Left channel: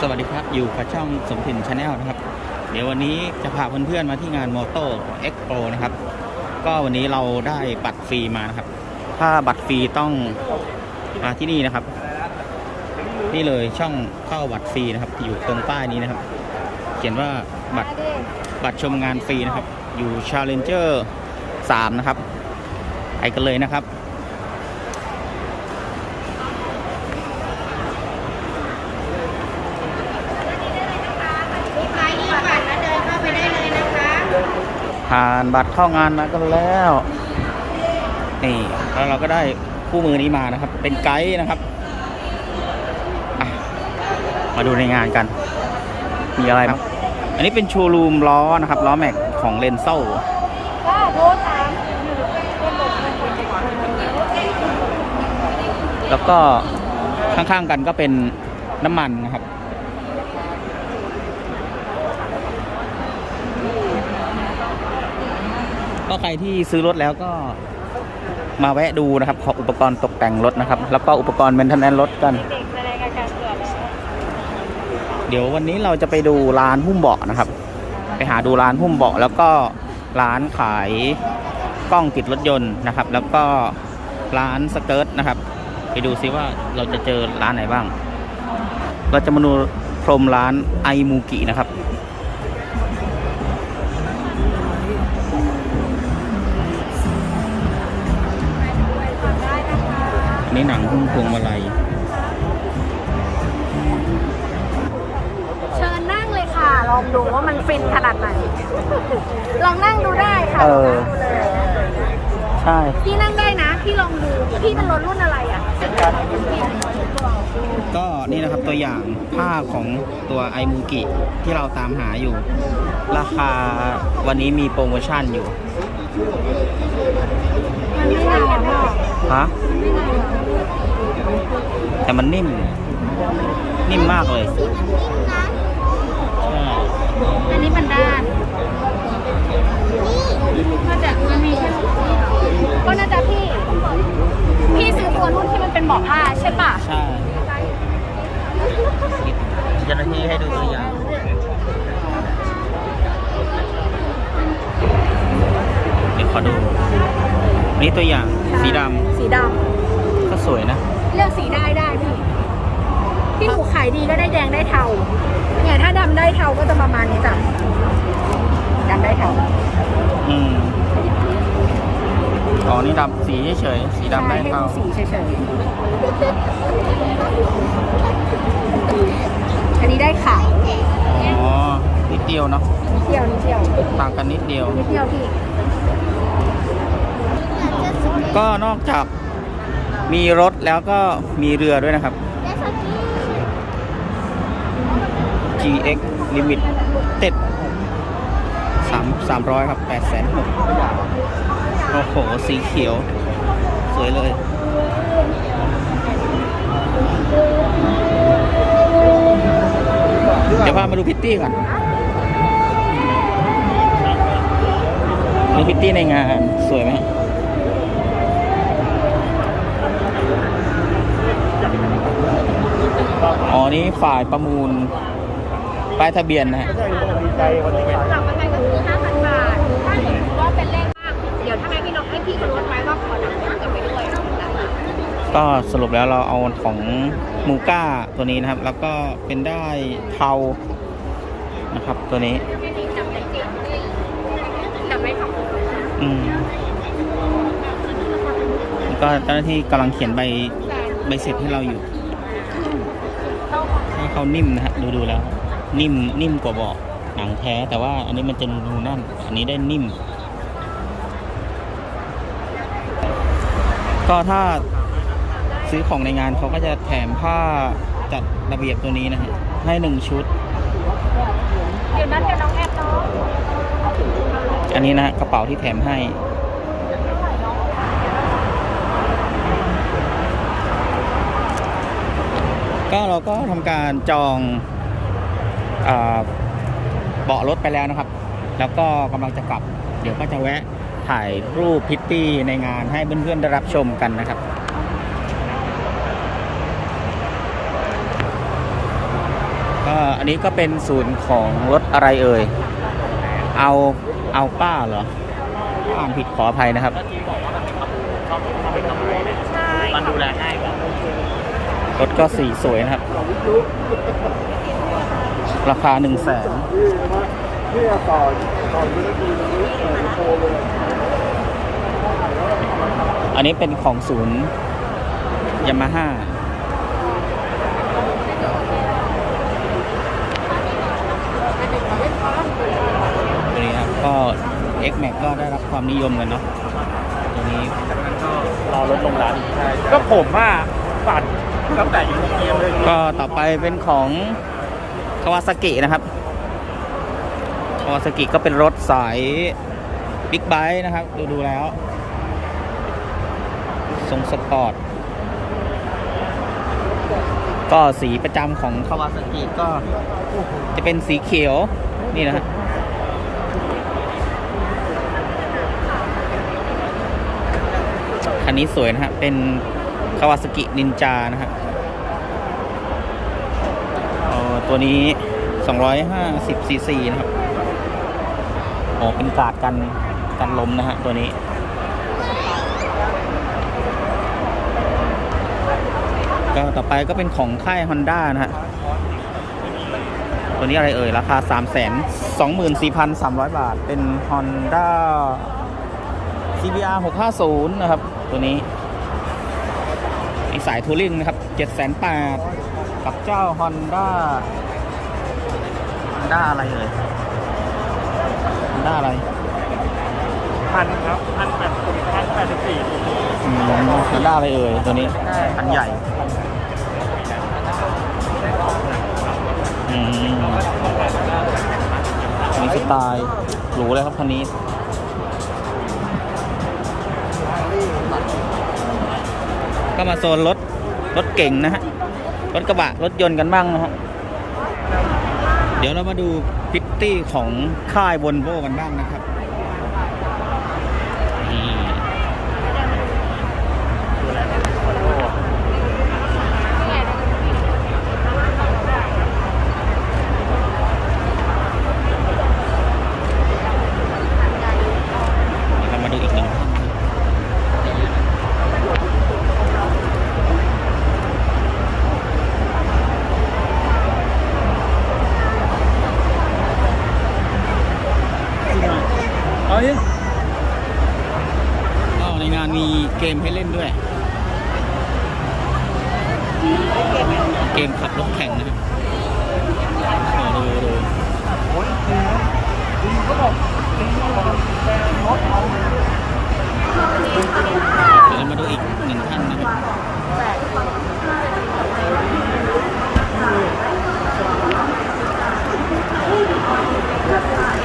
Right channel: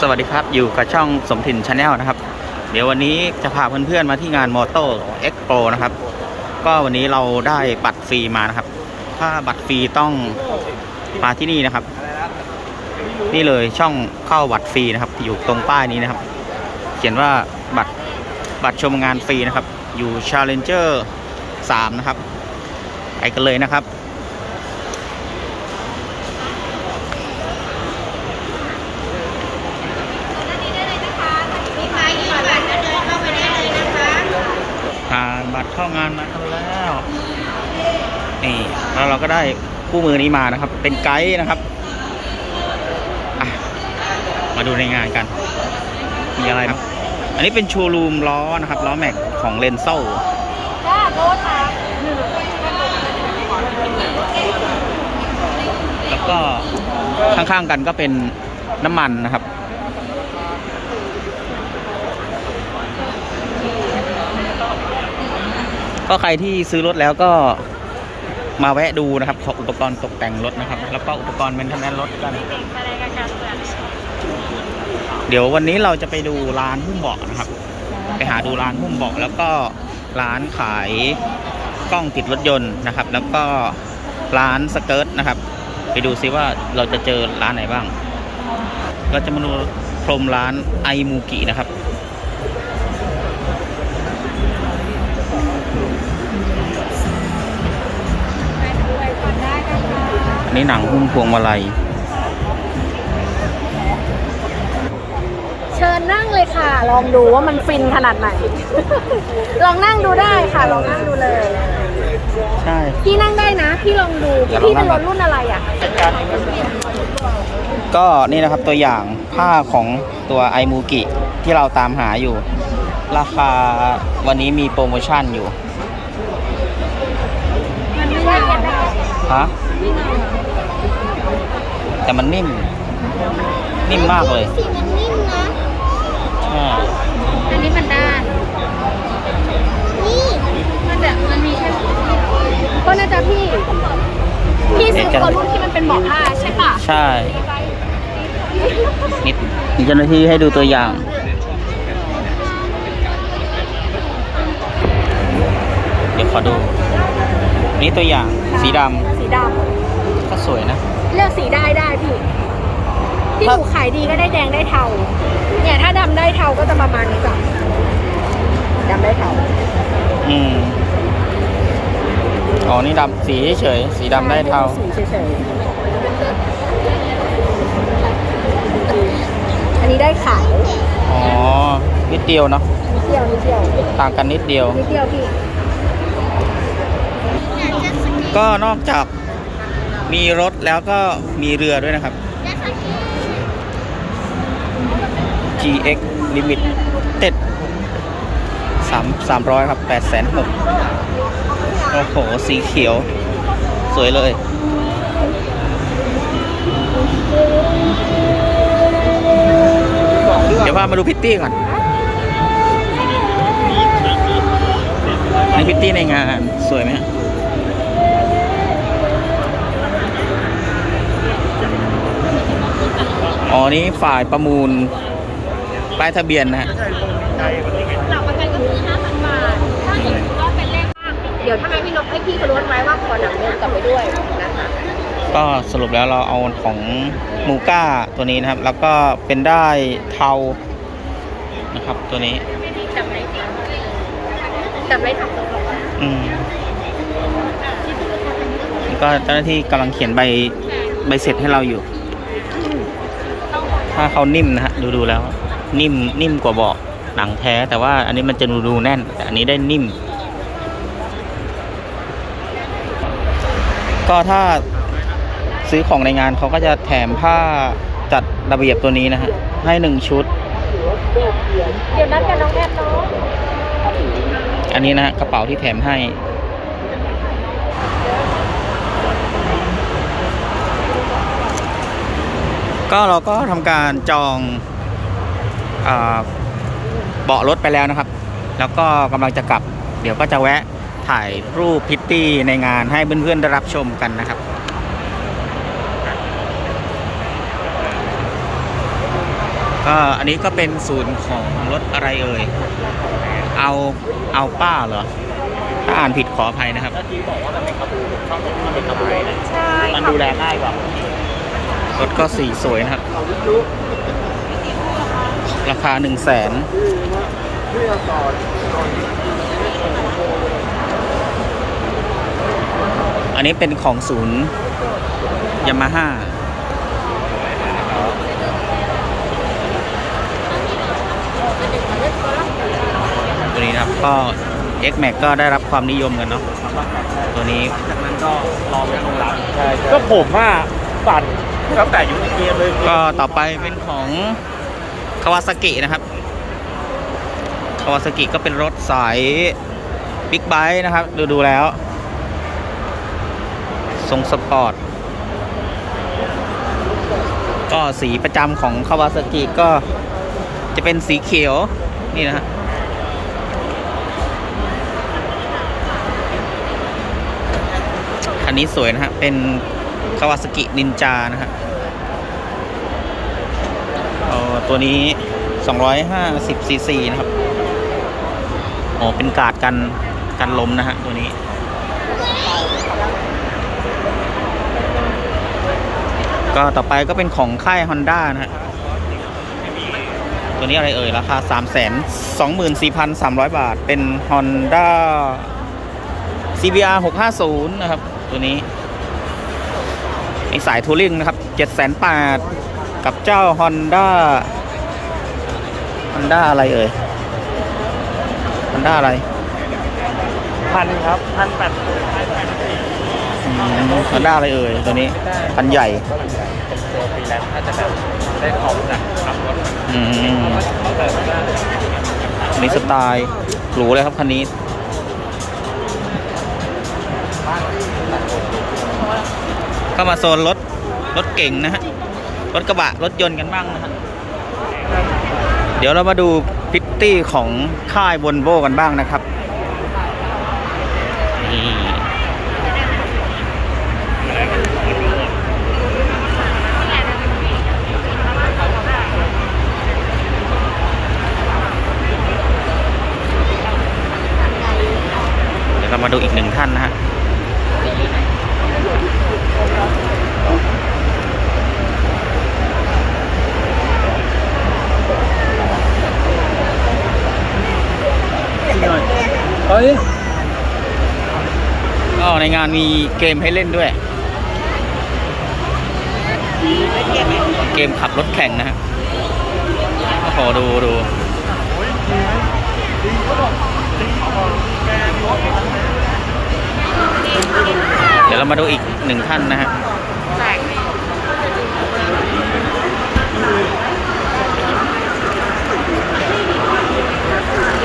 สวัสดีครับอยู่กับช่องสมถิ่นชาแนลนะครับ เดี๋ยววันนี้จะพาเพื่อนๆมาที่งานมอเตอร์เอ็กโปนะครับ ก็วันนี้เราได้บัตรฟรีมานะครับ ถ้าบัตรฟรีต้องมาที่นี่นะครับ นี่เลยช่องเข้าบัตรฟรีนะครับ อยู่ตรงป้ายนี้นะครับ เขียนว่าบัตรบัตรชมงานฟรีนะครับ อยู่ Challenger 3 นะครับไปกันเลยนะครับ ผ่านบัตรเข้างานมากันแล้วนี่แล้วเราก็ได้คู่มือนี้มานะครับ เป็นไกด์นะครับมาดูในงานกัน มีอะไรบ้างอันนี้เป็นโชว์รูมล้อนะครับ ล้อแม็กของเลนโซแล้วก็ข้างๆกันก็เป็นน้ำมันนะครับ ก็ใครที่ซื้อรถแล้วก็มาแวะดูนะครับของอุปกรณ์ตกแต่งรถนะครับ แล้วก็อุปกรณ์เมนเทนแนนรถกัน เดี๋ยววันนี้เราจะไปดูร้านหุ้มเบาะนะครับ ไปหาดูร้านหุ้มเบาะแล้วก็ร้านขายกล้องติดรถยนต์นะครับ แล้วก็ร้านสเกิร์ตนะครับ ไปดูซิว่าเราจะเจอร้านไหนบ้าง เราจะมาดูพรมร้านไอมูกินะครับ อันนี้หนังหุ้มพวงมาลัย เชิญนั่งเลยค่ะ ลองดูว่ามันฟินขนาดไหน ลองนั่งดูได้ค่ะเอลองอนั่งดูเลยใช่ พี่นั่งได้นะ พี่ลองดูเดี๋ยวลองพี่นั่เป็นงรก่อนถรุ่นอะไรอะก็นี่นะครับตัวอย่างผ้าของตัวไอมูกิที่เราตามหาอยู่ ราคาวันนี้มีโปรโมชั่นอยู่ มันไม่นานมากฮะ แต่มันนิ่ม นิ่มมากเลยสีมันนิ่มนะใช่อันนี้มันด้านนี่น่าจะมันมีแค่สีเดียวก็น่าจะพี่ พี่ซื้อตัวรุ่นที่มันเป็นเบาะผ้าใช่ปะใช่นิดมีเจ้าหน้าที่ให้ดูตัวอย่างเดี๋ยวขอดู นี่ตัวอย่างสีดสีดำก็สวยนะำ เลือกสีได้ได้พี่ ที่หถ้านูขายดีก็ได้แดงได้เทา เนี่ยถ้าดำได้เทาก็จะประมาณนี้จ้ะดำได้เทา อืมอ๋อ นี่ดำสีเฉยๆสีดำได้เทา สีเฉยๆ อันนี้ได้ขาว อ๋อ นิดเดียวเนาะ นิดเดียวนิดเดียว ต่างกันนิดเดียว นิดเดียวพี่ ก็นอกจาก มีรถแล้วก็มีเรือด้วยนะครับ GX Limit เต็ดสามสามร้อยครับแปดแสนหกโอ้โห สีเขียว สวยเลยเดี๋ยวพามาดูพิตตี้ก่อนนี่พิตตี้ในงานสวยไหมฮะ อ๋อ นี่ฝ่ายประมูล ป้ายทะเบียนนะฮะ หลักประกันก็คือ5,000 บาท ถ้าเกิดก็เป็นเลขเดี๋ยวถ้าไงพี่นกให้พี่เขาลดไว้ว่าขอหนังเงินกลับไปด้วยนะคะก็สรุปแล้วเราเอาของมูก้าตัวนี้นะครับ แล้วก็เป็นได้เทานะครับตัวนี้ จำได้จำได้ทำตัวอืมก็เจ้าหน้าที่กำลังเขียนใบใบเสร็จให้เราอยู่ ถ้าเขานิ่มนะฮะดูดูแล้ว นิ่มนิ่มกว่าเบาะหนังแท้ แต่ว่าอันนี้มันจะดูดูแน่น แต่อันนี้ได้นิ่ม ก็ถ้าซื้อของในงานเขาก็จะแถมผ้าจัดระเบียบตัวนี้นะฮะ ให้หนึ่งชุด เดี๋ยวนัดกันน้องแอดเนาะอันนี้นะฮะกระเป๋าที่แถมให้ ก็เราก็ทำการจองเบาะรถไปแล้วนะครับ แล้วก็กำลังจะกลับ เดี๋ยวก็จะแวะถ่ายรูปพิตตี้ในงานให้เพื่อนๆได้รับชมกันนะครับก็อันนี้ก็เป็นศูนย์ของรถอะไรเอ่ย เอาเอาป้าเหรอ ถ้าอ่านผิดขออภัยนะครับ มันดูแลได้ป่ะ รถก็สีสวยนะครับ ราคาหนึ่งแสนอันนี้เป็นของศูนย์ยามาฮ่าตัวนี้นะครับก็ X Max ก็ได้รับความนิยมกันเนาะตัวนี้มันก็รอรถลงร้านก็ผมอะฝัน ก็ต่อไปเป็นของคาวาซากินะครับคาวาซากิก็เป็นรถสายบิ๊กไบค์นะครับ ดูดูแล้ว ทรงสปอร์ต ก็สีประจำของคาวาซากิก็จะเป็นสีเขียว นี่นะฮะคันนี้สวยนะฮะ เป็น คาวาซากินินจานะฮะเออตัวนี้ 250 ซีซีนะครับอ๋อเป็นกาดกันกันลมนะฮะตัวนี้ ก็ต่อไปก็เป็นของค่าย Honda นะฮะ ตัวนี้อะไรเอ่ย ราคา 3 2 4 3 0 0 บาท เป็น Honda CBR 650 นะครับ ตัวนี้ ในสายทัวริงนะครับ7 8 0 0 0กับเจ้า Honda Honda อะไรเอ่ย Honda อะไรพันหนึงครับพันแปดสิบพันแปดสิบสี่อืม Honda อะไรเอ่ยตัวนี้คันใหญ่อืมอันนี้สไตล์หรูเลยครับคันนี้ ก็มาโซนรถรถเก่งนะฮะ รถกระบะ รถยนต์กันบ้างนะฮะ เดี๋ยวเรามาดูพิตตี้ของค่ายบนโวกันบ้างนะครับ นี่ เดี๋ยวเรามาดูอีกหนึ่งท่านนะฮะ เฮ้ยก็ในงานมีเกมให้เล่นด้วย เกมขับรถแข่งนะฮะ โอ้โห ดูดูเดี๋ยวเรามาดูอีกหนึ่งท่านนะฮะ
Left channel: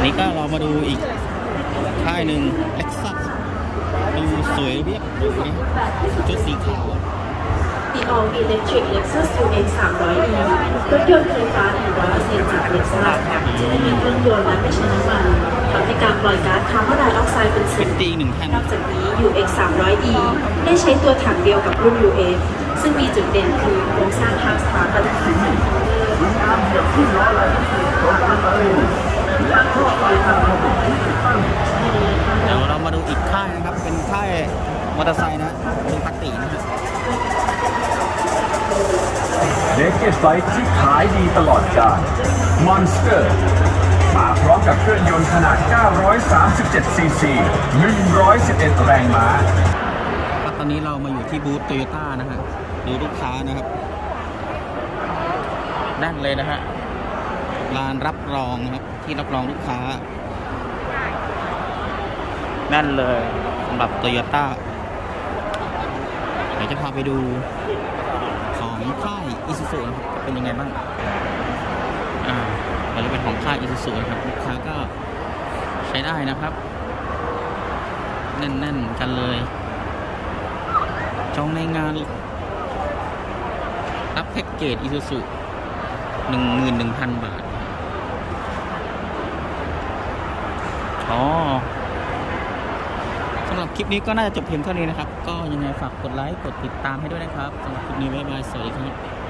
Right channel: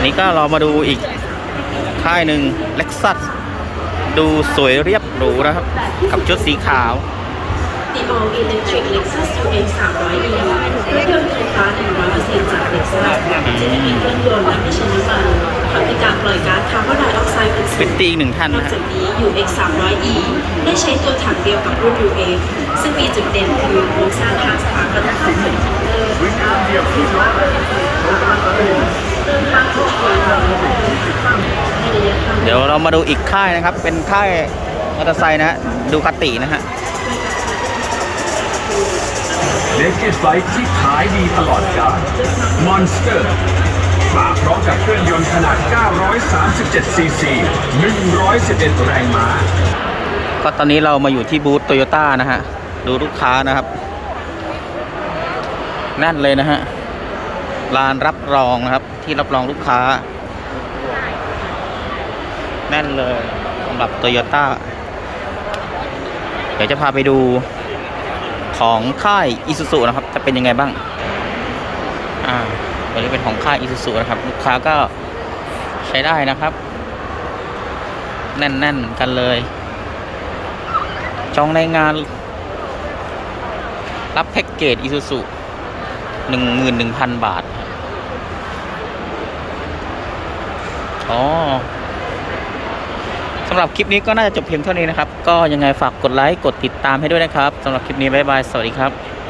นี้ก็เรามาดูอีก ค่ายหนึ่งเล็กซัสดูสวยเรียบหรูนะครับ กับชุดสีขาว The All Electric Lexus UX 300e เครื่องยนต์ไฟฟ้า100%จาก Lexus จะไม่มีเครื่องยนต์และไม่ใช้น้ำมันทำให้การปล่อยก๊าซคาร์บอนไดออกไซด์เป็นศูเป็นนย์ตีอีกหนึ่งท่านนอกนะฮะจากนี้ UX 300e ได้ใช้ตัวถังเดียวกับรุ่น UX ซึ่งมีจุดเด่นคือโครงสร้างคาสคาร์บอนของแผ่นคันเตอร์ ดี๋ยวเรามาดูอีกค่ายนะครับ เป็นค่ายมอเตอร์ไซค์นะฮะดูคาตินะฮะเลกเกตไบค์ที่ขายดีตลอดกาล Monster มาพร้อมกับเครื่องยนต์ขนาด 937 ซีซี 111 แรงม้า ก็ตอนนี้เรามาอยู่ที่บูธโตโยต้านะฮะ ดูลูกค้านะครับแนั่นเลยนะฮะลานรับรองนะครับ ที่รับรองลูกค้า แน่นเลยสำหรับโตโยต้าเดี๋ยวจะพาไปดูของค่ายอิซูซุนะครับ จะเป็นยังไงบ้าง อ่าวันนี้เป็นของค่ายอิซูซุนะครับ ลูกค้าก็ใช้ได้นะครับ แน่นๆเหมือนกันเลย จองในงาน รับแพ็กเกจ i s u z u หนึ่งหมื่นหนึ่งพันบาท อ๋อ สำหรับคลิปนี้ก็น่าจะจบเพียงเท่านี้นะครับ ก็ยังไงฝากกดไลค์ กดติดตามให้ด้วยนะครับสำหรับคลิปนี้บ๊ายบาย สวัสดีครับ